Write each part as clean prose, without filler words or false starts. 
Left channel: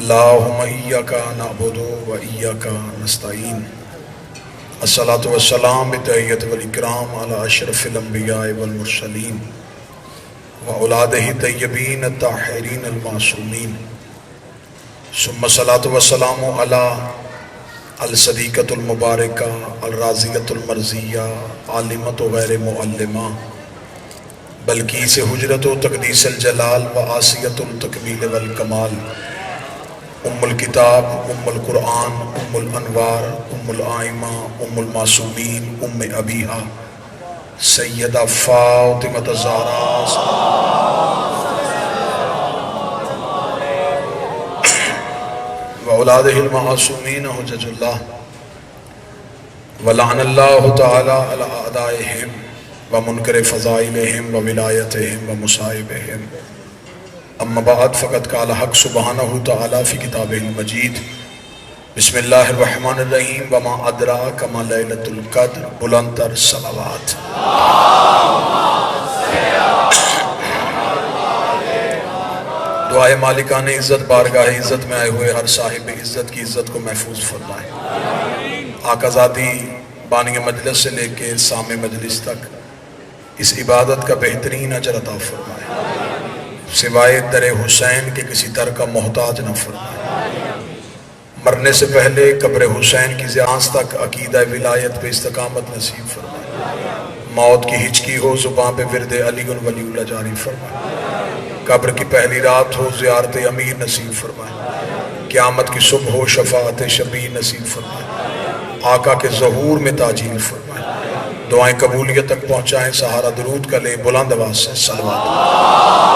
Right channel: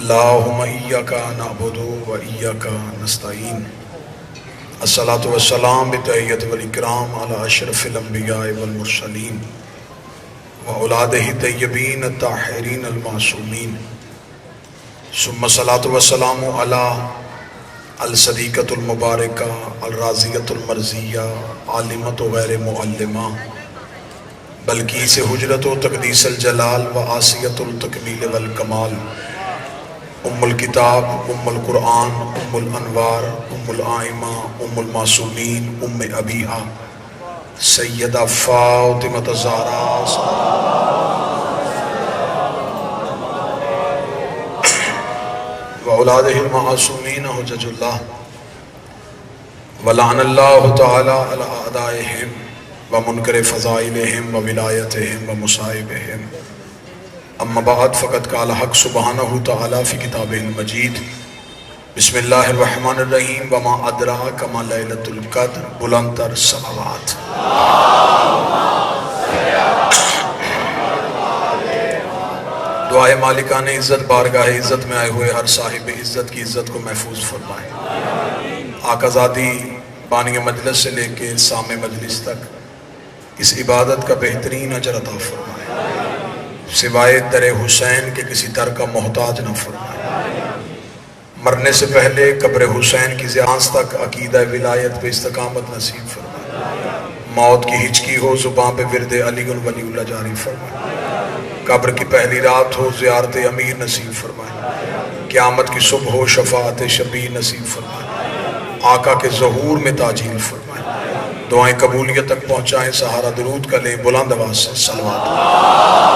اللهم إياك نعبد وإياك نستعين الصلاة والسلام بالتحية والإكرام على أشرف الأنبياء والمرسلين وأولاده الطيبين الطاهرين المعصومين ثم الصلاة والسلام على الصديقة المباركة الرازية المرزية عالمة غير معلمة بلقیس حجرت و تقدیس الجلال و آسیت التکمیل والکمال ام الکتاب ام القرآن ام الانوار ام الآئمہ ام المعصومین ام ابیہا سیدہ فاطمہ الزہرا و اولادہ المعصومین حجج اللہ ولعن اللہ تعالی علی اعدائہم ومنکر فضائلہم وولایتہم ومصائبہم اما بعد فقد قال حق سبحانہ تعالی فی کتابہ المجید بسم اللہ الرحمن الرحیم وما ادراک ما لیلۃ القدر بلند تر صلوات دعائے مالکان عزت بارگاہ عزت میں آئے ہوئے ہر صاحب عزت کی عزت کو محفوظ فرمائے آقا ذاتی بانی مجلس سے لے کے سامع مجلس تک اس عبادت کا بہترین اجر عطا فرمائے سوائے در حسین کے کسی در کا محتاج نہ فرمائے مرنے سے پہلے قبر حسین کی زیانس تک عقیدہ ولایت پہ استقامت نصیب فرمائے موت کی ہچکی ہو زباں پہ ورد علی ولی اللہ جاری فرمائے قبر کی پہلی رات ہو زیارت امیر نصیب فرمائے قیامت کی صبح ہو شفاعت شفیع نصیب فرمائے آقا کے ظہور میں تاجیل فرمائے دعائیں قبولیت تک پہنچائیں سہارا درود کا لیں بلند آواز سے صلوات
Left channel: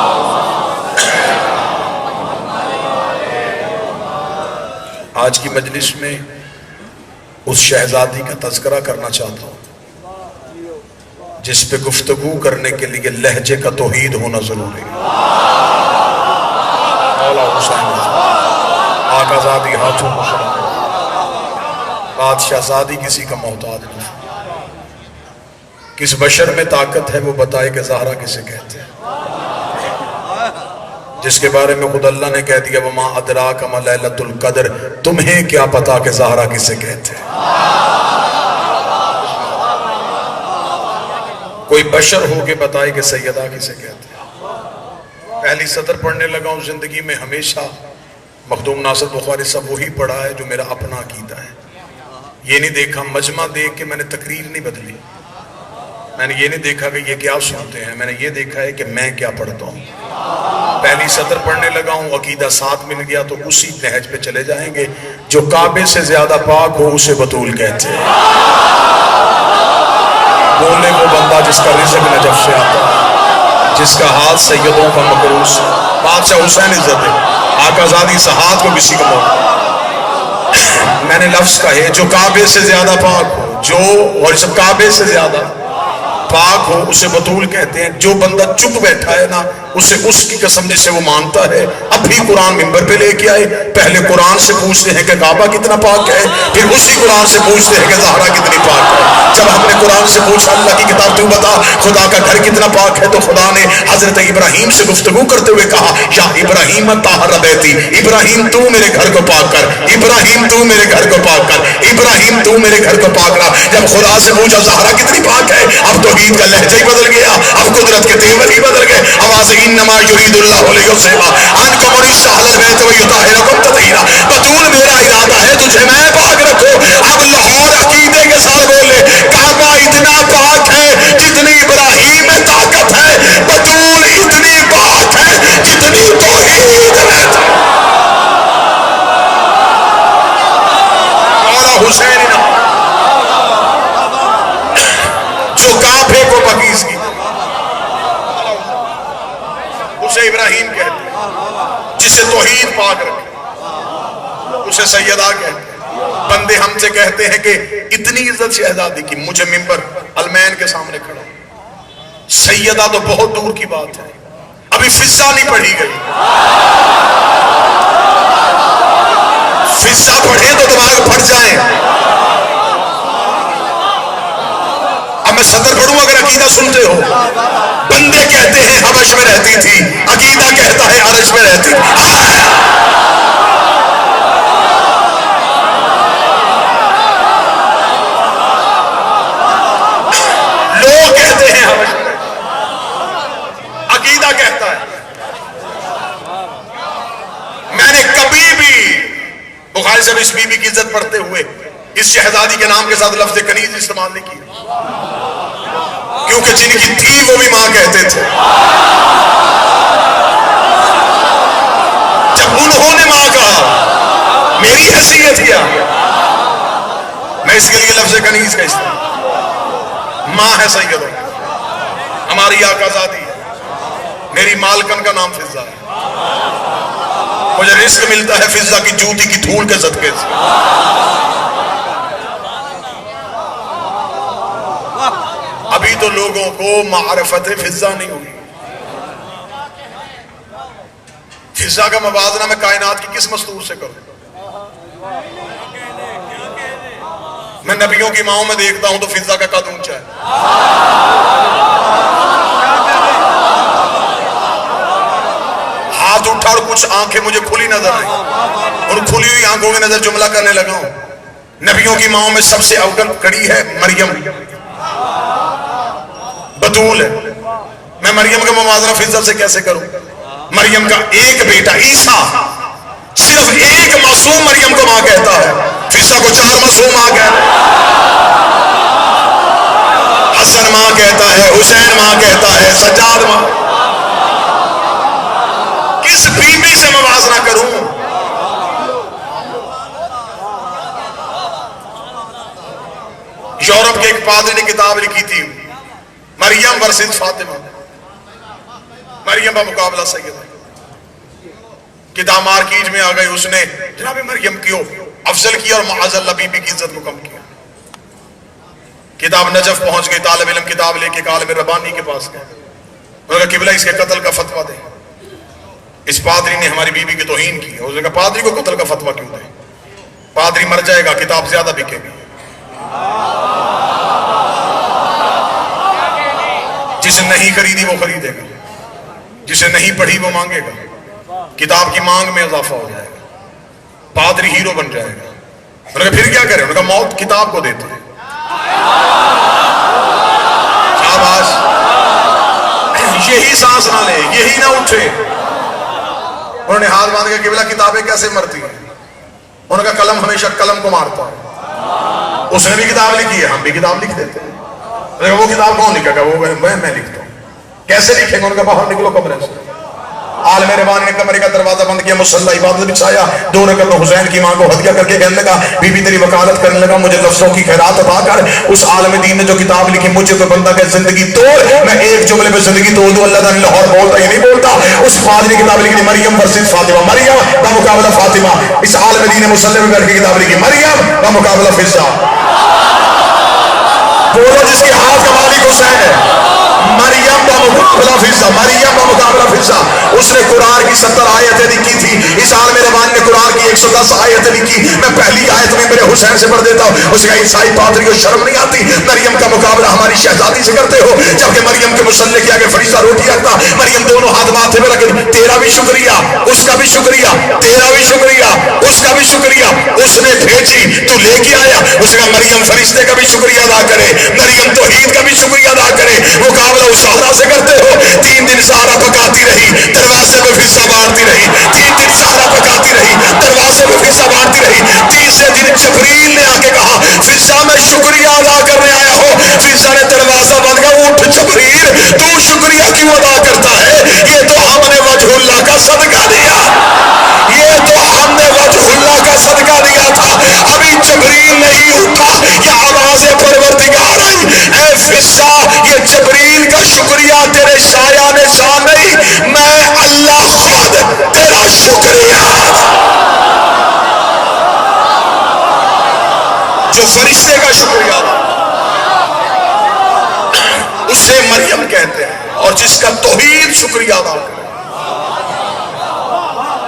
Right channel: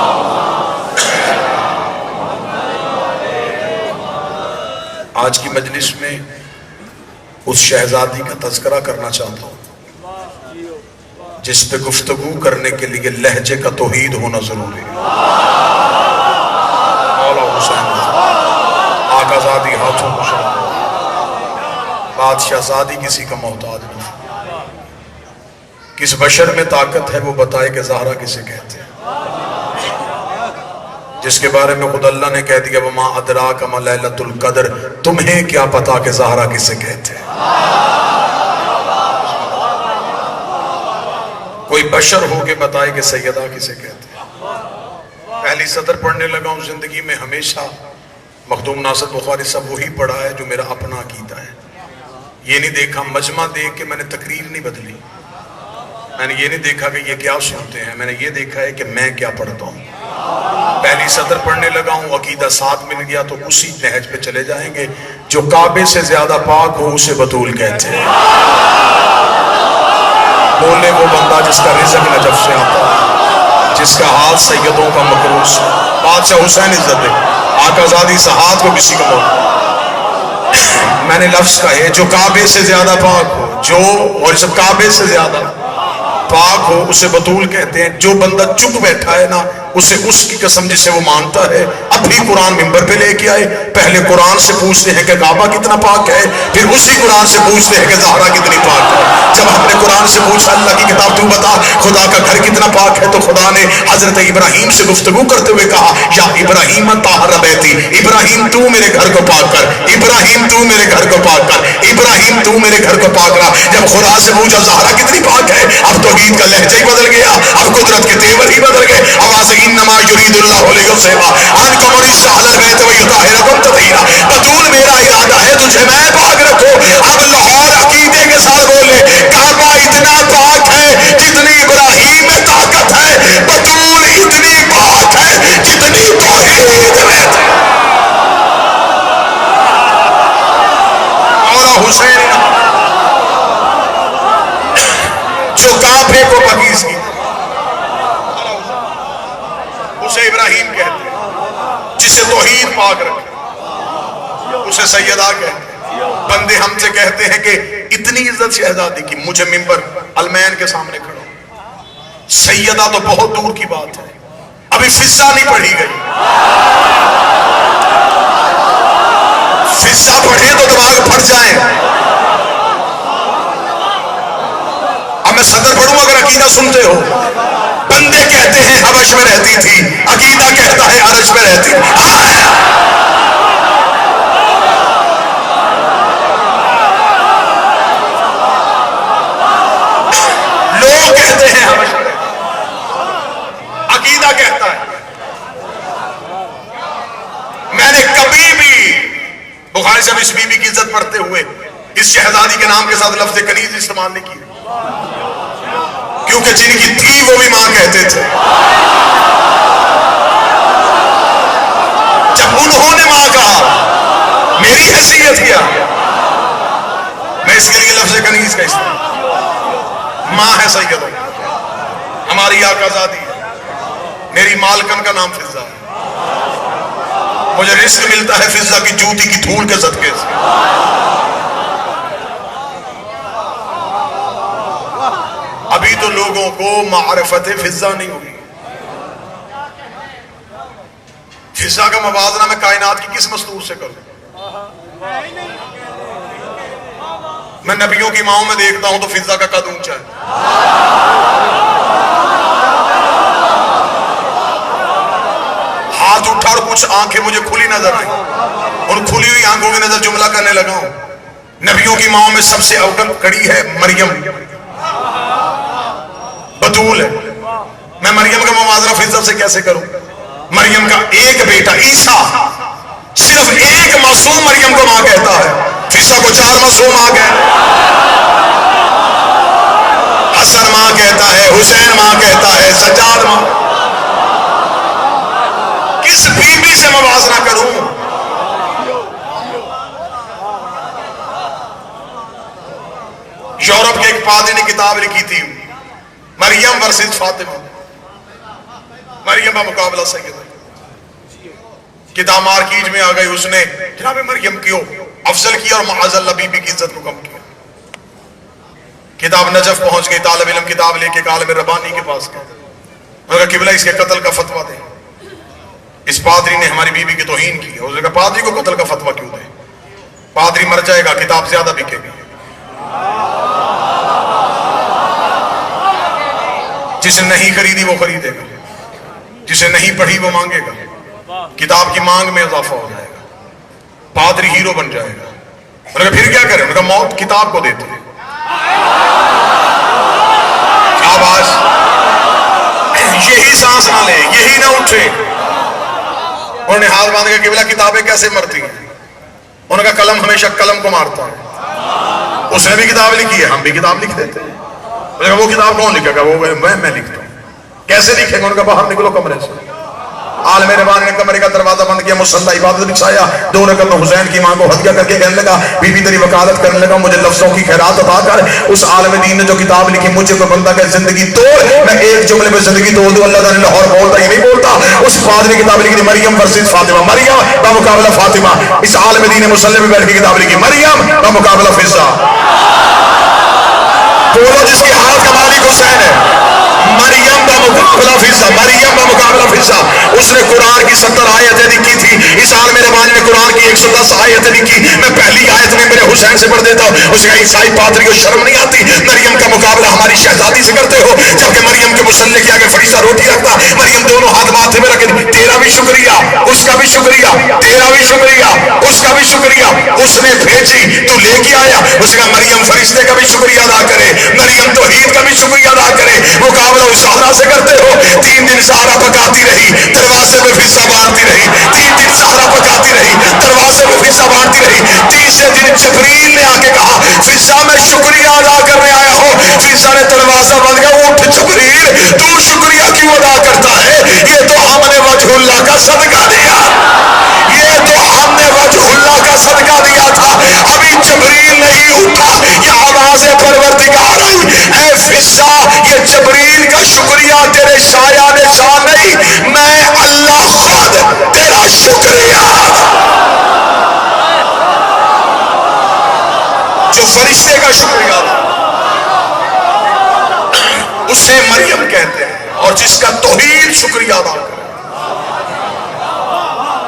آج کی مجلس میں اس شہزادی کا تذکرہ کرنا چاہتا ہوں جس پہ گفتگو کرنے کے لیے لہجے کا توحید ہونا ضروری ہے مولا حسین آقا زادی ہاتھوں بادشاہ زادی کسی کا محتاج نہیں کس بشر میں طاقت ہے وہ بتائے کہ زہرا کسے کہتے ہیں جس کے بارے میں خود اللہ نے کہہ دیا وما ادراک ما لیلۃ القدر تمہیں کیا پتا کہ زہرا کسے کہتے ہیں کوئی بشر ہو کے بتائے کہ سیدہ کسے کہتے ہیں پہلی سطر پڑھنے لگا ہوں زندگی میں ہمیشہ مخدوم ناصر بخاری صاحب وہی پڑھا ہے جو میرا اپنا عقیدہ ہے یہ نہیں دیکھا مجمع دیکھ کے میں نے تقریر نہیں بدلی میں نے یہ نہیں دیکھا کہ یہ کیا سنتے ہیں میں نے یہ دیکھا ہے کہ میں کیا پڑھتا ہوں پہلی سطر پڑھنے لگا ہوں عقیدہ ساتھ مل گیا تو اسی نہج پہ چلے جائیں گے جو کعبے سے زیادہ پاک ہو اسے بطول کہتے ہیں بولے وہ بندہ جس کا رزق نجف سے آتا ہے جس کا حال سیدوں کا مقروض ہے بادشاہ حسین عزت ہے آقا زادی سہاد کو کسی کو میں نے لفظ کہے جو کعبے سے زیادہ پاک ہو جو اور جب کعبے سے زیادہ پاک ہو اسے بطول کہتے ہیں جو بندہ چپ بیٹھا ہے نا اسے اس کی قسم جسے وہ مانتا ہے اب بھی قرآن ممبر پہ لے کے آئے پہلے قرآن سے پوچھتے ہیں کہ کعبہ کتنا پاک ہے پھر اسی قرآن سے پوچھتے ہیں کہ زہرا کتنی پاک ہے جب ہم نے قرآن سے پوچھا اللہ کی کتاب تو بتا خدا کا گھر کتنا پاک ہے تو خدا نے حضرت ابراہیم سے گفتگو کرتے ہوئے کہا یا ابراہیم طاہر بیتی ابراہیم تو میرے گھر کو پاک کر ابراہیم تو میرے گھر کو پاک کر ابراہیم تو میرے گھر کو پاک کر جب خدا سے پوچھا زہرا کتنی پاک ہے اب توحید کا لہجہ ہی بدل گیا اب قدرت کے تیور ہی بدل گئے آواز انما یرید اللہ لیصب عنکم الرجس اہل البیت ویطہرکم تطہیرا بطول میرا ارادہ ہے تجھے میں پاک رکھوں اب لاہور عقیدے کے ساتھ بولے کعبہ اتنا پاک ہے جتنی ابراہیم میں طاقت ہے بطول اتنی پاک ہے جتنی توحید میں مولا حسین جو کعبے کو پاکیز کی اسے ابراہیم کہتے ہیں جسے توحید پاک رکھے اسے سیدہ کہتے ہیں بندے ہم سے کہتے ہیں کہ اتنی عزت شہزادی کی مجھے ممبر المین کے سامنے کھڑا سیدہ تو بہت دور کی بات ہے ابھی فصہ نہیں پڑھی گئی فصہ پڑھے تو دماغ پھٹ جائیں اب میں صدر پڑھوں اگر عقیدہ سنتے ہو بندے کہتے ہیں حبش میں رہتی تھی عقیدہ کہتا ہے عرش میں رہتی تھی بخاری سے اس بی بی کی عزت پڑھتے ہوئے اس شہزادی کے نام کے ساتھ لفظ کنیز استعمال نہیں کیا، کیونکہ جن کی تھی وہ بھی ماں کہتے تھے. جب انہوں نے ماں کہا میری حیثیت کیا، میں اس کے لیے لفظ کنیز کا استعمال. ماں ہے سیدہ، ہماری آقا زادی ہے. میری مالکن کا نام فضہ ہے. مجھے رزق ملتا ہے فضہ کی جوتی کی دھول کے صدقے سے. ابھی تو لوگوں کو معرفت فضہ نہیں ہوئی. فضہ کا موازنہ میں کائنات کی کس مستور سے کروں؟ میں نبیوں کی ماؤں میں دیکھتا ہوں تو فضہ کا قد اونچا ہے. ہاتھ اٹھا اور کچھ آنکھیں مجھے کھلی نظر نہیں، اور کھلی ہوئی آنکھوں کی نظر جملہ کرنے لگا ہوں. نبیوں کی ماؤں میں سب سے اول کڑی ہے مریم، بطول ہے. میں مریم کا موازنہ فضہ سے کیسے کروں؟ مریم کا ایک بیٹا عیسیٰ صرف ایک معصوم مریم کو ماں کہتا ہے، فضہ کو 4 معصوم ماں کہتا ہے. حسن ماں کہتا ہے، حسین ماں کہتا ہے، سجاد ماں. کس بی بی سے موازنہ کروں؟ یورپ کے ایک پادری نے کتاب لکھی تھی مریم ورسز فاطمہ، مریم کا مقابلہ سیدہ. کتاب مارکیٹ میں آ گئی، اس نے جناب مریم کیوں افضل کیا اور معاذ اللہ بی بی کی عزت کو کم کیا. کتاب نجف پہنچ گئی، طالب علم کتاب لے کے عالم ربانی کے پاس گئے. انہوں نے کہا قبلہ اس کے قتل کا فتویٰ دیں. اس پادری نے ہماری بی بی کی توہین کی. اس نے کہا پادری کو قتل کا فتویٰ کیوں دے؟ پادری مر جائے گا، کتاب زیادہ بکے گی. جسے نہیں خریدی وہ خریدے گا، جسے نہیں پڑھی وہ مانگے گا. کتاب کی مانگ میں اضافہ ہو جائے گا، پادری ہیرو بن جائے گا. انہوں نے کہا پھر کیا کریں؟ انہوں نے کہا موت کتاب کو دیتے ہیں. شاباش. یہی سانس نہ لے، یہی نہ اٹھے. انہوں نے ہاتھ باندھ کے قبلہ کتابیں کیسے مرتی ہیں؟ انہوں نے کہا قلم ہمیشہ قلم کو مارتا ہے. اس نے بھی کتاب لکھی ہے، ہم بھی کتاب لکھ دیتے ہیں. وہ کتاب کون لکھے گا؟ وہ میں لکھتا ہوں. کیسے لکھے گا؟ انہوں نے کہا باہر نکلو کمرے سے. عالم ربانی نے کمرے کا دروازہ بند کیا، مصلی عبادت بچھایا، 2 رکعت میں حسین کی ماں کو ہدیہ کر کے کہنے لگا بی بی تیری وکالت کرنے لگا، مجھے لفظوں کی خیرات عطا کر. اس عالم دین نے جو کتاب لکھی مجھے تو بندہ کہ زندگی توڑ، میں ایک جملے میں زندگی توڑ دوں. اللہ تعالیٰ لاہور بولتا یہ نہیں بولتا. اس پادری کتاب لکھی مریم ورسز فاطمہ، مریم بمقابلہ فاطمہ. اس عالم دین نے مصلی میں بیٹھ کے کتاب لکھی مریم بمقابلہ فضہ. بولو جس کے ہاتھ کا مالک حسین ہے. مریم کا مقابلہ فضہ، مریم کا مقابلہ فضہ. اس نے قرآن کی 70 آیتیں لکھی تھی. اس عالم ربانی نے قرآن کی 110 آیتیں لکھی. میں پہلی آیت میں میرے حسین سے پڑھ دیتا ہوں. اس نے عیسائی پادری کو شرم نہیں آتی؟ مریم کا مقابلہ ہماری شہزادی سے کرتے ہو، جبکہ مریم کے مصلی کے آگے فرشتہ روٹی رکھتا. مریم دونوں ہاتھ ماتھے میں رکھے، تیرا بھی شکریہ، اس کا بھی شکریہ، تیرا بھی شکریہ، اس کا بھی شکریہ. اس نے بھیجی، تو لے کے آیا. اس کا مریم فرشتے کا بھی شکریہ ادا کرے، مریم توحید کا بھی شکریہ ادا کرے. مقابلہ اس زہرا سے کرتے ہو. 3 دن زہرا پکاتی رہی، دروازے میں فضہ بانٹتی رہی. 3 دن زہرا پکاتی رہی، دروازے میں فضہ بانٹتی رہی. تیسرے دن جبریل نے آ کے کہا فضہ میں شکریہ ادا کرنے آیا ہوں. فضہ نے دروازہ بند کیا. اٹھ جبریل، تو شکریہ کیوں ادا کرتا ہے؟ یہ تو ہم نے وجہ اللہ کا صدقہ دیا، یہ تو ہم نے وجہ اللہ کا صدقہ دیا تھا. ابھی جبریل نہیں اٹھا، یہ آواز پروردگار آئی، اے فضہ یہ جبریل کا شکریہ تیرے سایہ نے شان نہیں، میں اللہ خود تیرا شکریہ. جو فرشتے کا شکریہ اسے مریم کہتے ہیں، اور جس کا توحید شکریہ ادا کرے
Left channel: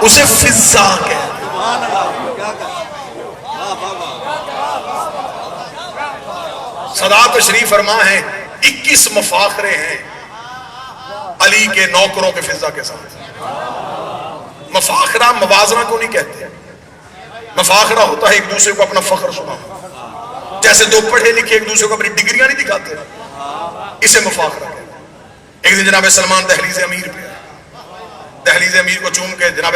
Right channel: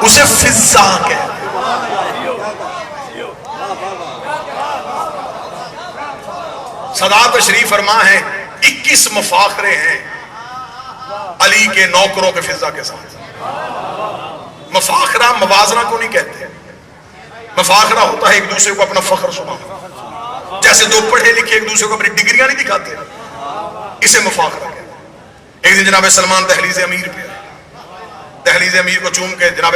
اسے فضہ کہتے ہیں. صدا تشریف فرما ہے 21 مفاخرے ہیں علی کے نوکروں کے فضہ کے ساتھ. مفاخرہ موازنہ کو نہیں کہتے. مفاخرہ ہوتا ہے ایک دوسرے کو اپنا فخر سنانا. جیسے 2 پڑھے لکھے ایک دوسرے کو اپنی ڈگریاں نہیں دکھاتے، اسے مفاخرہ کہتے. ایک دن جناب سلمان دہلیز امیر پہ، دہلیز امیر کو چوم کے جناب